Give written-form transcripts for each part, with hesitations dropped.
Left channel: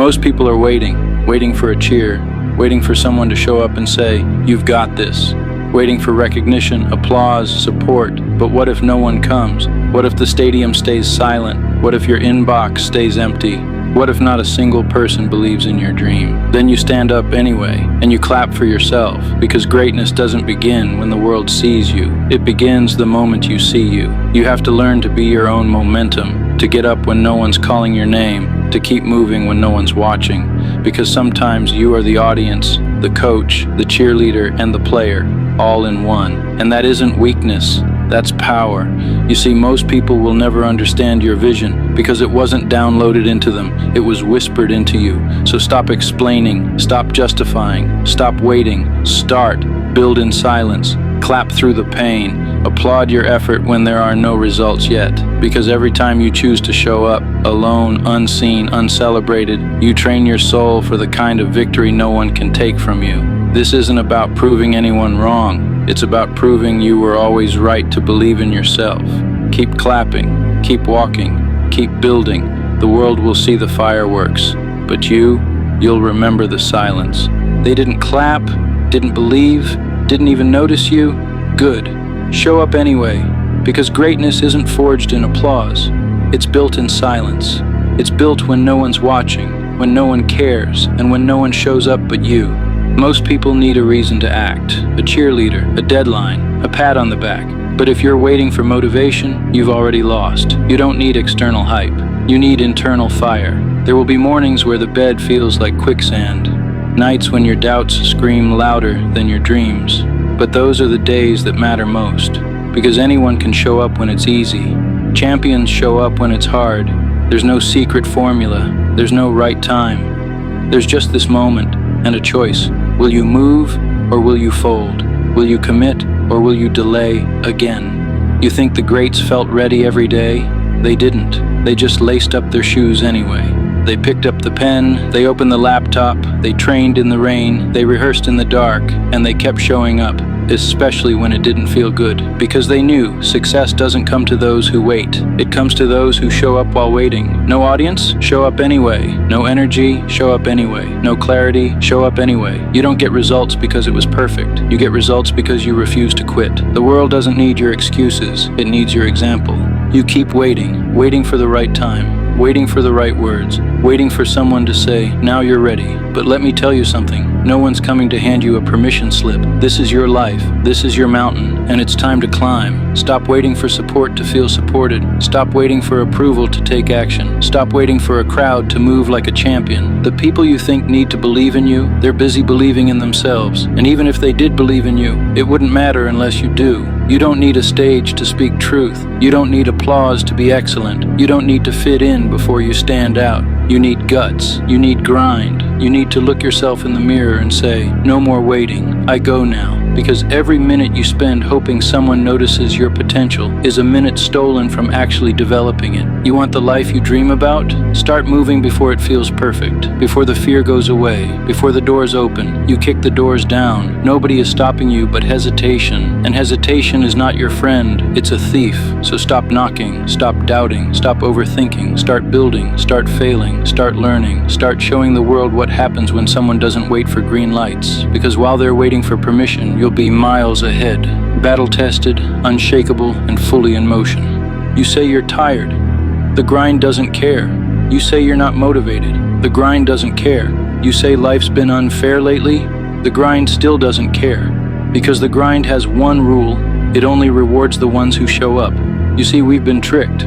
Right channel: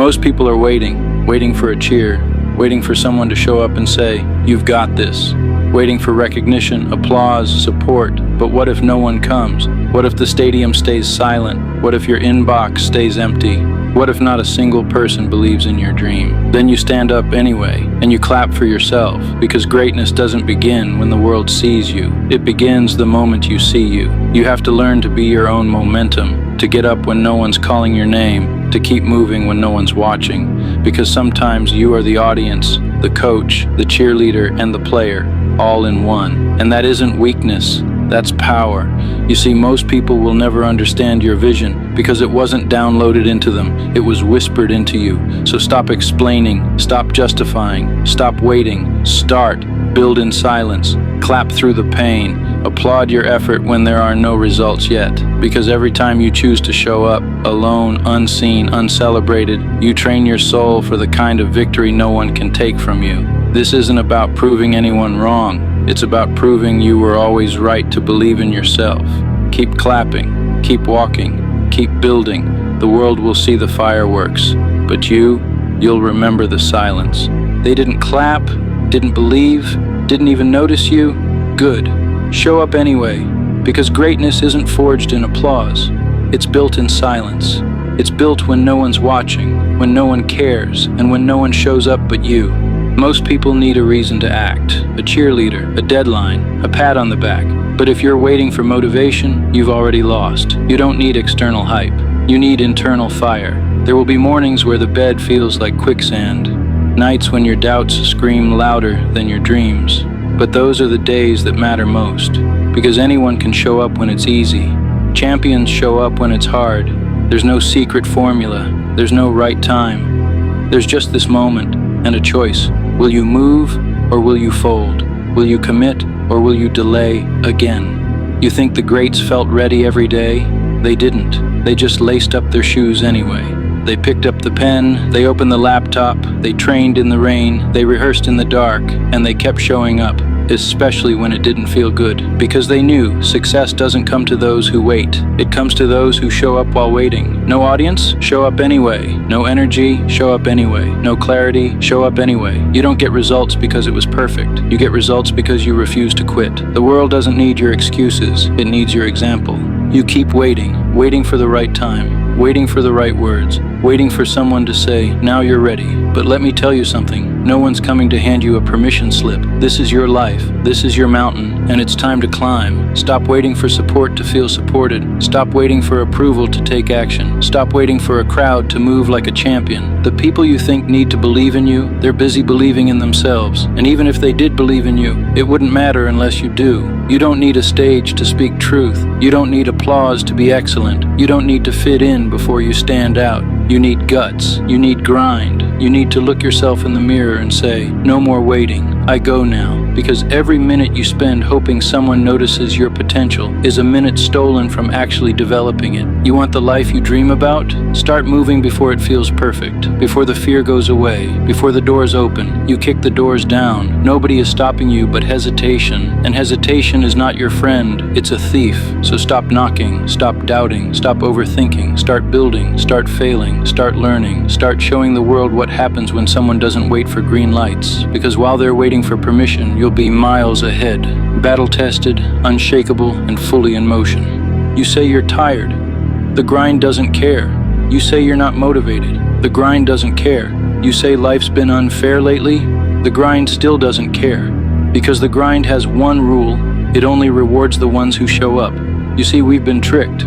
Most people are waiting for a cheer, waiting for someone to show up and say, "You've got this." Waiting for recognition, applause, support. But what if no one comes? What if the stadium stays silent? What if your inbox stays empty? What if not a single person believes in your dream? Then you stand up anyway, and you clap for yourself, because greatness doesn't begin when the world sees you. It begins the moment you see you. You have to learn to be your own momentum, to get up when no one's calling your name, to keep moving when no one's watching, because sometimes you are the audience, the coach, the cheerleader, and the player, all in one. And that isn't weakness, that's power. You see, most people will never understand your vision because it wasn't downloaded into them, it was whispered into you. So stop explaining, stop justifying, stop waiting, start, build in silence, clap through the pain, applaud your effort when there are no results yet. Because every time you choose to show up, alone, unseen, uncelebrated, you train your soul for the kind of victory no one can take from you. This isn't about proving anyone wrong. It's about proving you were always right to believe in yourself. Keep clapping, keep walking, keep building. The world will see the fireworks, but you'll remember the silence. They didn't clap, didn't believe, didn't even notice you? Good. Show up anyway, because greatness isn't forged in applause. It's built in silence. It's built when no one's watching, when no one cares, and when no one shows up but you. Most people need a reason to act, a cheerleader, a deadline, a pat on the back. But if you're waiting for motivation, you've already lost. You don't need external hype. You need internal fire. There will be mornings where the bed feels like quicksand, nights when your doubts scream louder than your dreams. But those are the days that matter most, because anyone can show up when it's easy. Champions show up when it's hard. There's no secret formula. There's no right time. There's just this moment and a choice. Will you move or will you fold? Will you commit or will you delay again? You think the greats felt ready every day? They didn't. They just laced up their shoes anyway. They picked up the pen, they opened the laptop, they trained in the rain, they rehearsed in the dark, and they kept showing up, especially when it didn't feel good. Because they knew success doesn't come to those who wait. It comes to those who show up while waiting. No audience? Show up anyway. No energy? Show up anyway. No clarity? Show up anyway. You don't get results because it was perfect. You get results because you refuse to quit. The world doesn't need your excuses. It needs your example. You keep waiting, waiting for the right time, waiting for the right words, waiting for someone to say, "Now you're ready." But let me tell you something. No one's coming to hand you a permission slip. This is your life. This is your mountain, and it's time to climb. Stop waiting for support to feel supported. Stop waiting for approval to take action. Stop waiting for a crowd to move like a champion. The people you think need to believe in you, they're busy believing in themselves. And even if they did believe in you, it wouldn't matter unless you do. You don't need a stage to speak truth. You don't need applause to be excellent. You don't need to fit in before you stand out. You need guts. You need grind. You need to look yourself in the mirror and say, "No more waiting. I go now." Because every minute you spend hoping someone notices your potential is a minute stolen from actually developing it. You want the life you dream about? Start moving before it feels perfect, before the fear goes away, before the doors open. You kick the doors down. Nobody is stopping you but hesitation. And hesitation is not your friend, it's a thief. So stop knocking, stop doubting, stop overthinking, start building, start failing, start learning, start showing the world what happens when someone doesn't wait for green lights. Because while they're waiting for permission, you'll be miles ahead, battle-tested, unshakable, and fully in motion. You say you're tired. The grind doesn't care. You say you're not motivated. The grind doesn't care. You say life's been unfair lately. The grind still doesn't care. Because the grind has one rule: it only rewards the ones who show up. You see, we've been tricked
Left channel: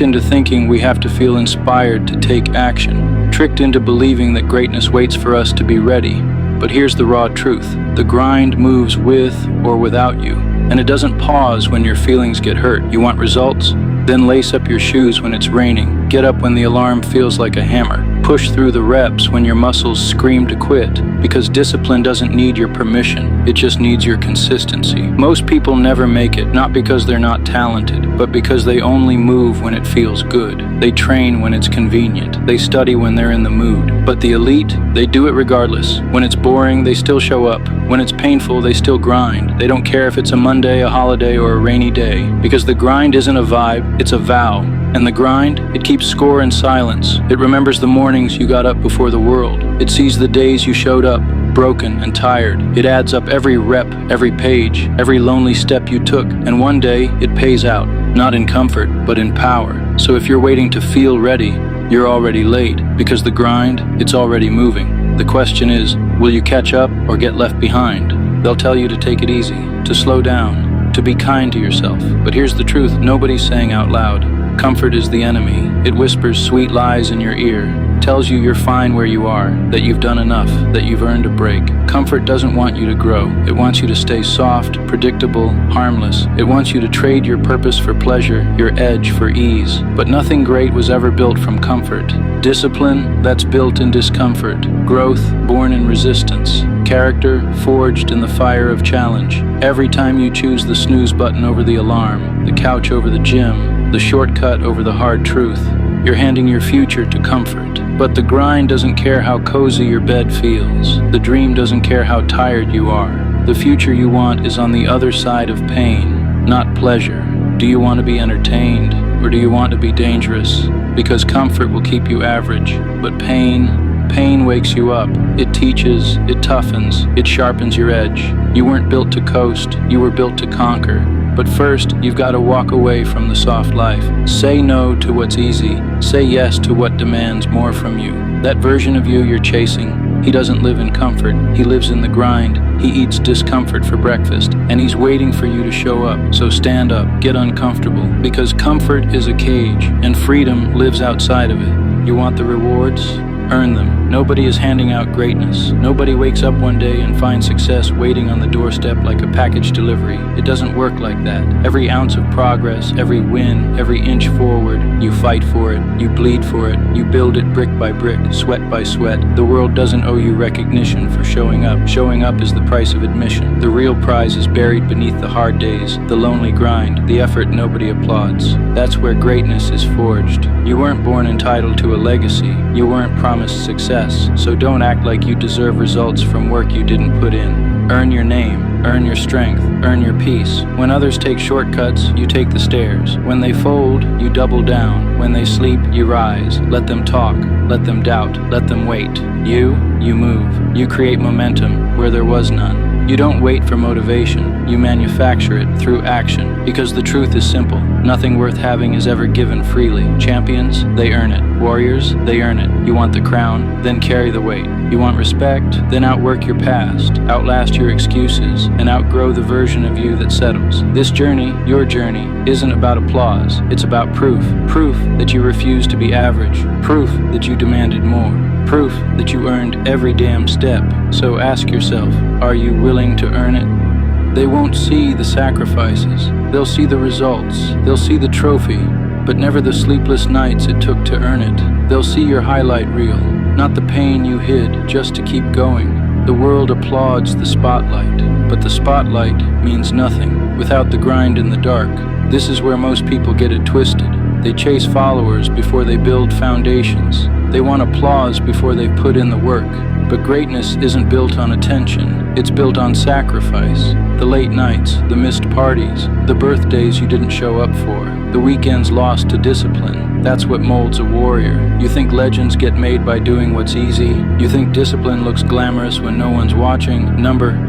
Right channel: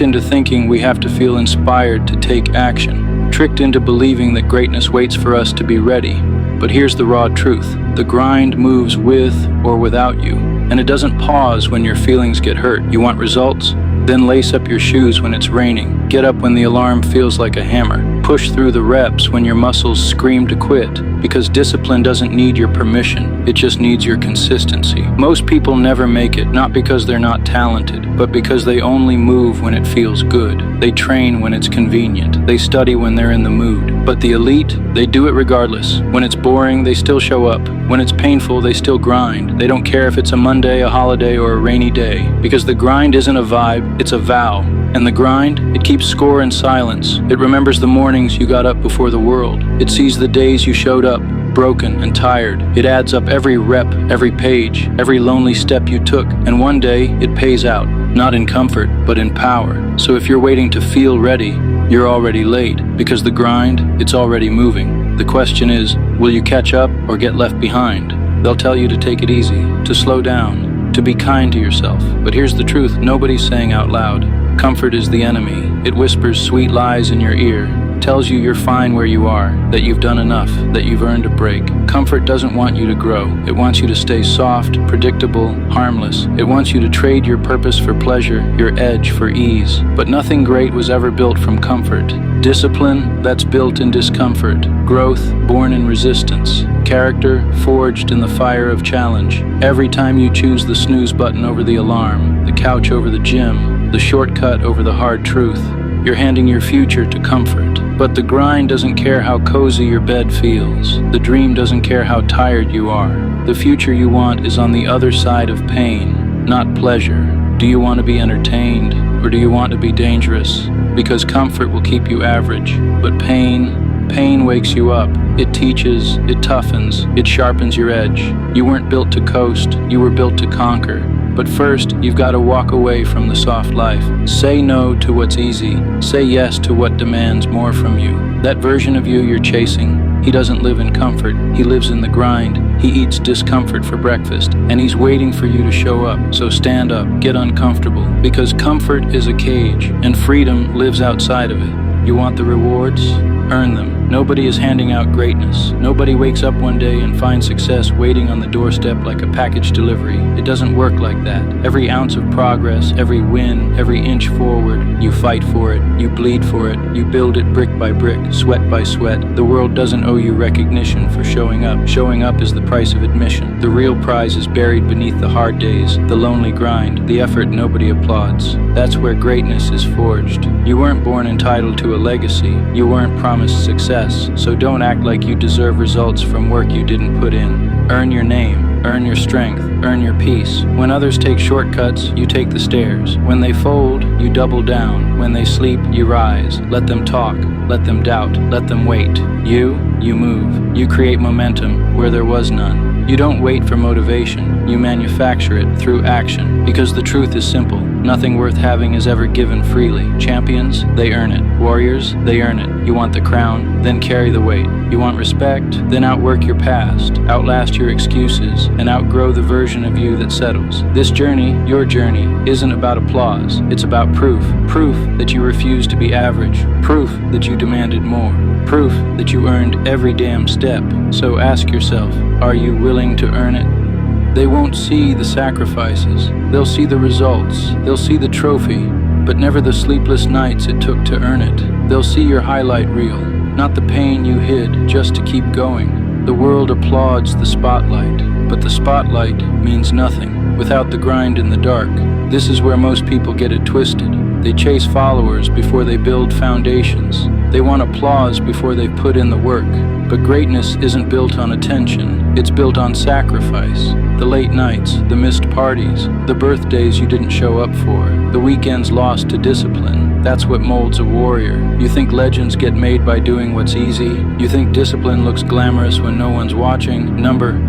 into thinking we have to feel inspired to take action, tricked into believing that greatness waits for us to be ready. But here's the raw truth. The grind moves with or without you, and it doesn't pause when your feelings get hurt. You want results? Then lace up your shoes when it's raining. Get up when the alarm feels like a hammer. Push through the reps when your muscles scream to quit. Because discipline doesn't need your permission, it just needs your consistency. Most people never make it, not because they're not talented, but because they only move when it feels good. They train when it's convenient. They study when they're in the mood. But the elite, they do it regardless. When it's boring, they still show up. When it's painful, they still grind. They don't care if it's a Monday, a holiday, or a rainy day. Because the grind isn't a vibe, it's a vow. And the grind, it keeps score in silence. It remembers the mornings you got up before the world. It sees the days you showed up, broken and tired. It adds up every rep, every page, every lonely step you took, and one day it pays out, not in comfort, but in power. So if you're waiting to feel ready, you're already late, because the grind, it's already moving. The question is, will you catch up or get left behind? They'll tell you to take it easy, to slow down, to be kind to yourself. But here's the truth nobody's saying out loud. Comfort is the enemy. It whispers sweet lies in your ear, tells you you're fine where you are, that you've done enough, that you've earned a break. Comfort doesn't want you to grow. It wants you to stay soft, predictable, harmless. It wants you to trade your purpose for pleasure, your edge for ease. But nothing great was ever built from comfort. Discipline, that's built in discomfort. Growth, born in resistance. Character, forged in the fire of challenge. Every time you choose the snooze button over the alarm, the couch over the gym, the shortcut over the hard truth, you're handing your future to comfort. But the grind doesn't care how cozy your bed feels. The dream doesn't care how tired you are. The future you want is on the other side of pain, not pleasure. Do you want to be entertained, or do you want to be dangerous? Because comfort will keep you average, but pain wakes you up. It teaches, it toughens, it sharpens your edge. You weren't built to coast, you were built to conquer. But first, you've got to walk away from the soft life. Say no to what's easy. Say yes to what demands more from you. That version of you you're chasing, he doesn't live in comfort. He lives in the grind. He eats discomfort for breakfast, and he's waiting for you to show up. So stand up, get uncomfortable, because comfort is a cage, and freedom lives outside of it. You want the rewards? Earn them. Nobody is handing out greatness. Nobody wakes up one day and finds success waiting on the doorstep like a package delivery. It doesn't work like that. Every ounce of progress, every win, every inch forward, you fight for it, you bleed for it, you build it brick by brick, sweat by sweat. The world doesn't owe you recognition for showing up. Showing up is the price of admission. The real prize is buried beneath the hard days, the lonely grind, the effort nobody applauds. That's where greatness is forged. You weren't born entitled to a legacy. You weren't promised success. So don't act like you deserve results from work you didn't put in. Earn your name, earn your strength, earn your peace. When others take shortcuts, you take the stairs. When they fold, you double down. When they sleep, you rise. Let them talk, let them doubt, let them wait. You move. You create momentum where there was none. You don't wait for motivation, you manufacture it through action. Because the truth is simple, nothing worth having is ever given freely. Champions, they earn it. Warriors, they earn it. You want the crown, then carry the weight. You want respect, then outwork your past, outlast your excuses, and outgrow the version of you that settles. This journey, your journey, isn't about applause, it's about proof. Proof that you refused to be average. Proof that you demanded more. Proof that you earned every damn step. So ask yourself, are you willing to earn it? They won't see the sacrifices. They'll see the results. They'll see the trophy, but never the sleepless nights it took to earn it. They'll see your highlight reel, not the pain you hid just to keep going. The world applauds the spotlight, but the spotlight means nothing without the grind in the dark. This is where most people get it twisted. They chase followers before they build foundations. They want applause before they've put in the work. But greatness isn't built on attention, it's built on sacrifice. The late nights, the missed parties, the birthdays you didn't show up for, the weekends lost to discipline. That's what molds a warrior. You think legends get made by doing what's easy? You think discipline looks glamorous when no one's watching?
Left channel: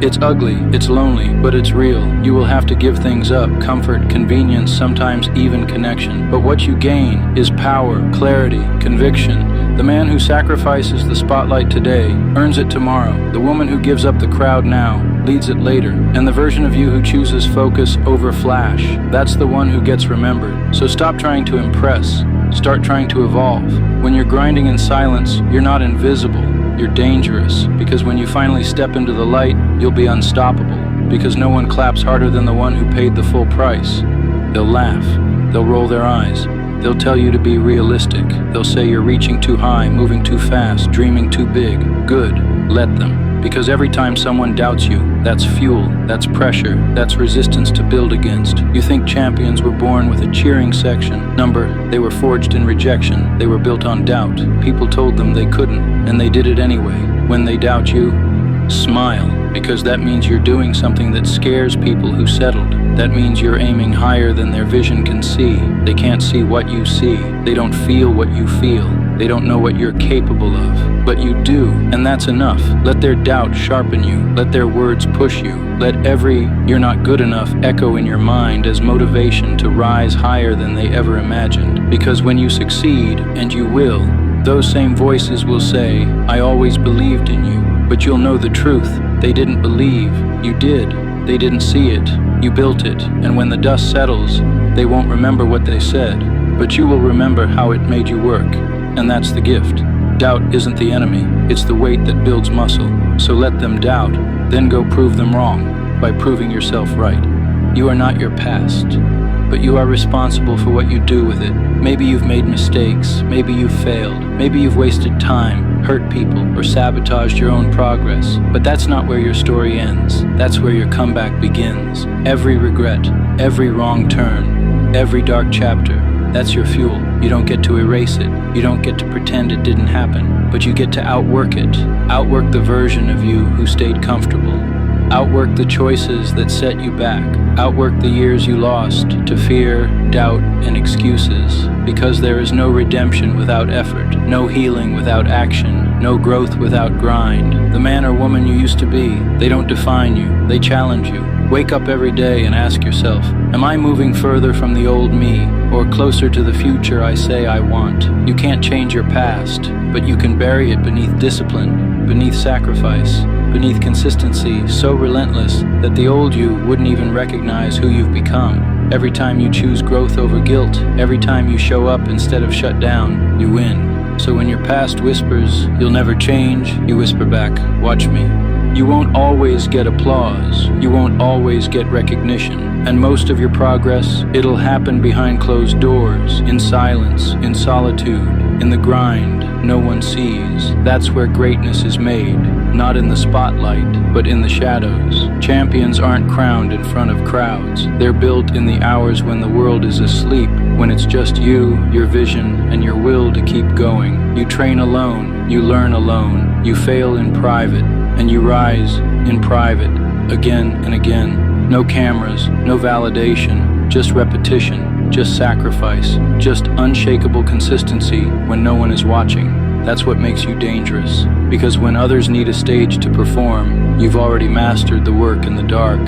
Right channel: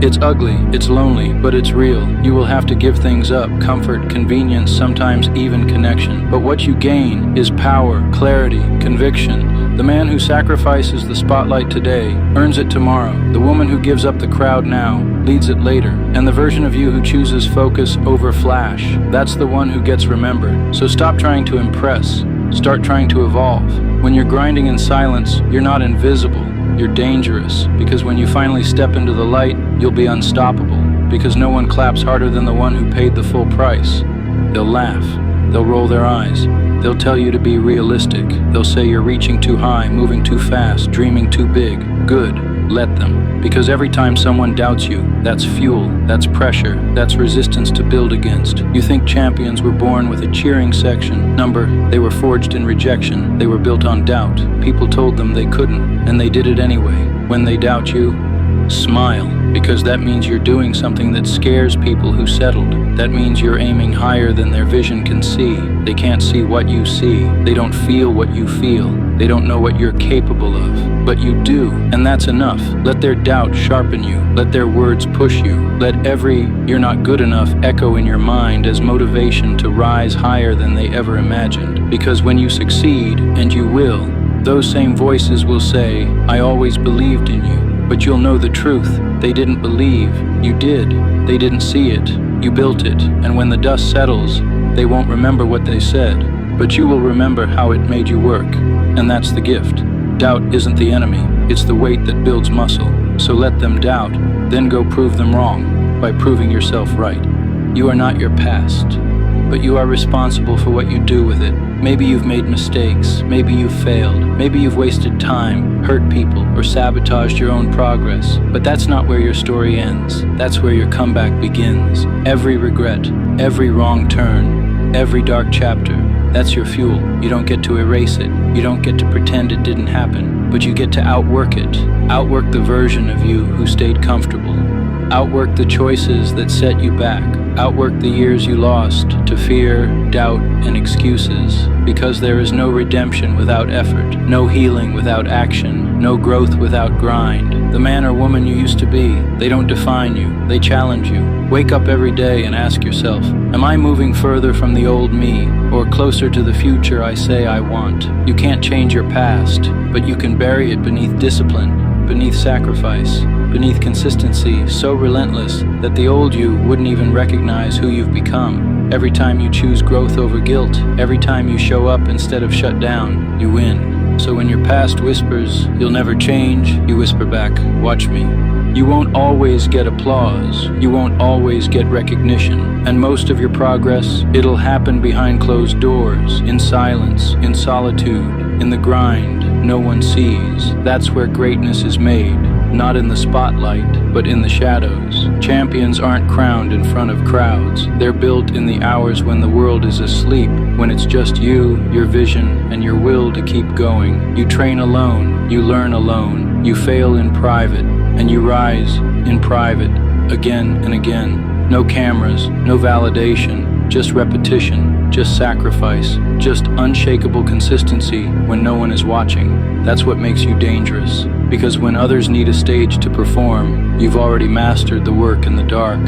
It's ugly, it's lonely, but it's real. You will have to give things up, comfort, convenience, sometimes even connection. But what you gain is power, clarity, conviction. The man who sacrifices the spotlight today earns it tomorrow. The woman who gives up the crowd now leads it later. And the version of you who chooses focus over flash, that's the one who gets remembered. So stop trying to impress. Start trying to evolve. When you're grinding in silence, you're not invisible. You're dangerous. Because when you finally step into the light, you'll be unstoppable. Because no one claps harder than the one who paid the full price. They'll laugh. They'll roll their eyes. They'll tell you to be realistic. They'll say you're reaching too high, moving too fast, dreaming too big. Good, let them. Because every time someone doubts you, that's fuel, that's pressure, that's resistance to build against. You think champions were born with a cheering section. They were forged in rejection. They were built on doubt. People told them they couldn't, and they did it anyway. When they doubt you, smile. because that means you're doing something that scares people who settled. That means you're aiming higher than their vision can see. They can't see what you see. They don't feel what you feel. They don't know what you're capable of. But you do, and that's enough. Let their doubt sharpen you. Let their words push you. Let every "you're not good enough" echo in your mind as motivation to rise higher than they ever imagined. Because when you succeed, and you will, those same voices will say, "I always believed in you." But you'll know the truth. They didn't believe. You did. They didn't see it. You built it. And when the dust settles, they won't remember what they said. But you will remember how it made you work. And that's the gift. Doubt isn't the enemy. It's the weight that builds muscle. So let them doubt. Then go prove them wrong by proving yourself right. You are not your past, but you are responsible for what you do with it. Maybe you've made mistakes, maybe you've failed, maybe you've wasted time, hurt people, or sabotaged your own progress. But that's not where your story ends. That's where your comeback begins. Every regret, every wrong turn, every dark chapter, that's your fuel. You don't get to erase it. You don't get to pretend it didn't happen, but you get to outwork it. Outwork the version of you who stayed comfortable. Outwork the choices that set you back. Outwork the years you lost to fear, doubt, and excuses. Because there is no redemption without effort, no healing without action, no growth without grind. The man or woman you used to be, they don't define you, they challenge you. Wake up every day and ask yourself, am I moving further from the old me, or closer to the future I say I want? You can't change your past, but you can bury it beneath discipline, beneath sacrifice, beneath consistency so relentless that the old you wouldn't even recognize who you've become. Every time you choose growth over guilt, every time you show up instead of shut down, you win. So when your past whispers, "You'll never change," you whisper back, "Watch me." You won't always get applause. You won't always get recognition. And most of your progress, it'll happen behind closed doors, in silence, in solitude, in the grind no one sees. That's where greatness is made. Not in the spotlight, but in the shadows. Champions aren't crowned in front of crowds. They're built in the hours when the world is asleep, when it's just you, your vision, and your will to keep going. You train alone, you learn alone, you fail in private, and you rise in private, again and again. No cameras, no validation, just repetition, just sacrifice, just unshakable consistency when no one is watching. That's what makes you dangerous. Because when others need a stage to perform, you've already mastered the work in the dark.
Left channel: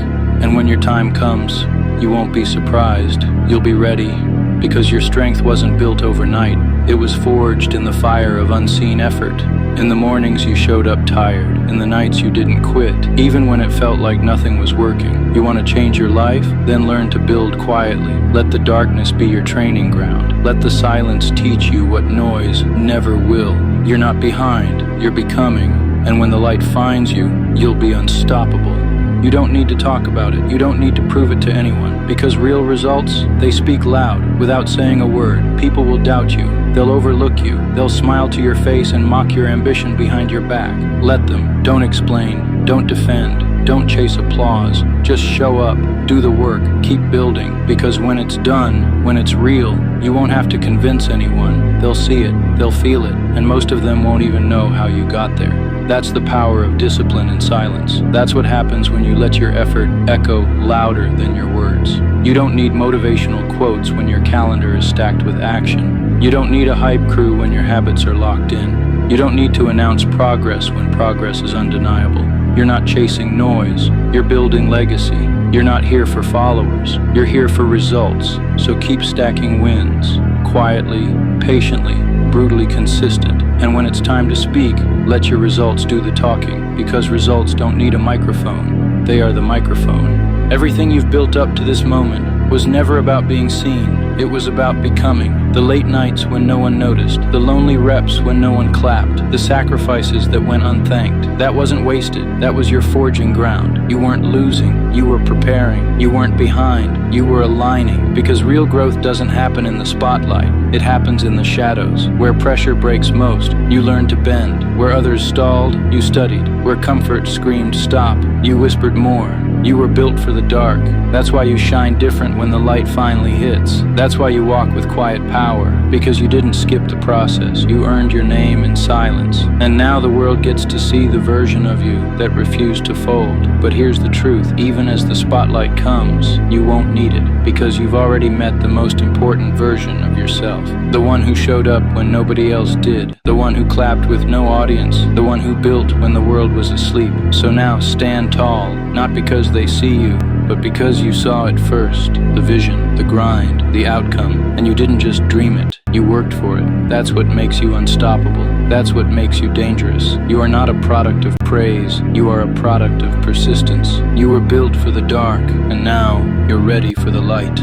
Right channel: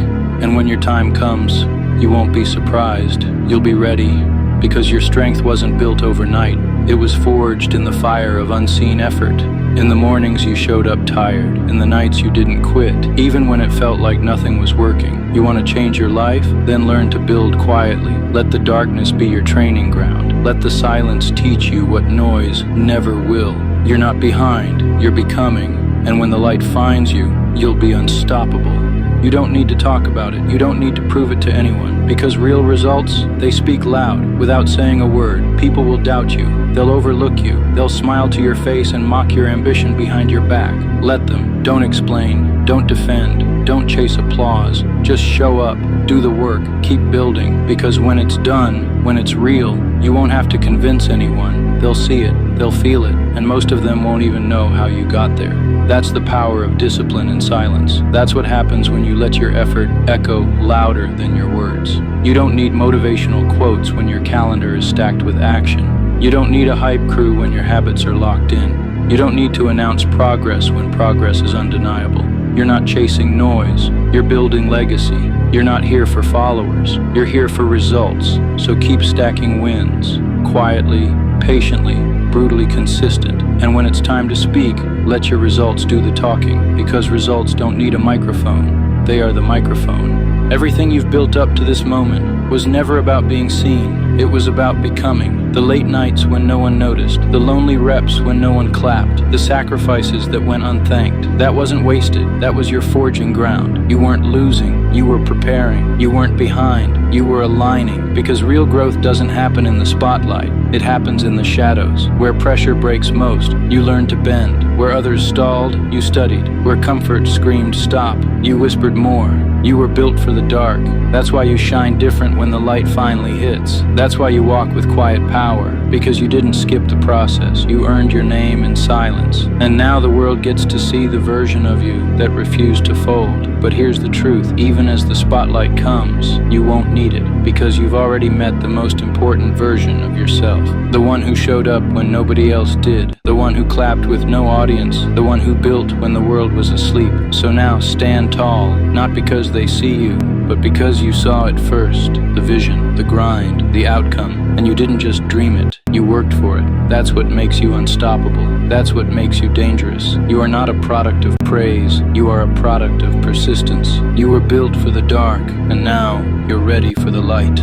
And when your time comes, you won't be surprised. You'll be ready. Because your strength wasn't built overnight. It was forged in the fire of unseen effort. In the mornings you showed up tired. In the nights you didn't quit, even when it felt like nothing was working. You want to change your life? Then learn to build quietly. Let the darkness be your training ground. Let the silence teach you what noise never will. You're not behind, you're becoming. And when the light finds you, you'll be unstoppable. You don't need to talk about it. You don't need to prove it to anyone. Because real results, they speak loud, without saying a word. People will doubt you. They'll overlook you. They'll smile to your face and mock your ambition behind your back. Let them. Don't explain. Don't defend. Don't chase applause. Just show up. Do the work. Keep building. Because when it's done, when it's real, you won't have to convince anyone. They'll see it. They'll feel it. And most of them won't even know how you got there. That's the power of discipline and silence. That's what happens when you let your effort echo louder than your words. You don't need motivational quotes when your calendar is stacked with action. You don't need a hype crew when your habits are locked in. You don't need to announce progress when progress is undeniable. You're not chasing noise. You're building legacy. You're not here for followers. You're here for results. So keep stacking wins, quietly, patiently, brutally consistent. And when it's time to speak, let your results do the talking, because results don't need a microphone. They are the microphone. Everything you've built up to this moment was never about being seen. It was about becoming. The late nights when no one noticed, the lonely reps when no one clapped, the sacrifices that went unthanked. That wasn't wasted. That was your forging ground. You weren't losing. You were preparing. You weren't behind. You were aligning. Because real growth doesn't happen in the spotlight. It happens in the shadows. Where pressure breaks most, you learn to bend. Where others stalled, you studied. Where comfort screamed stop, you whispered more. You were built for the dark. That's why you shine different when the light finally hits. That's why you walk with quiet power. power, because you didn't skip the process. You earned your name in silence. And now the world gets to see the version of you that refused to fold. But here's the truth, even as the spotlight comes, you won't need it, because you've already met the most important version of yourself. The one who showed up when nobody else did. The one who clapped with no audience. The one who built when the world was asleep. So now stand tall, not because they see you, but because you saw it first. The vision, the grind, the outcome. And you didn't just dream it, you worked for it. That's what makes you unstoppable. That's what makes you dangerous. You are not a product of praise, you are a product of persistence. You were built for the dark, and now you're ready for the light.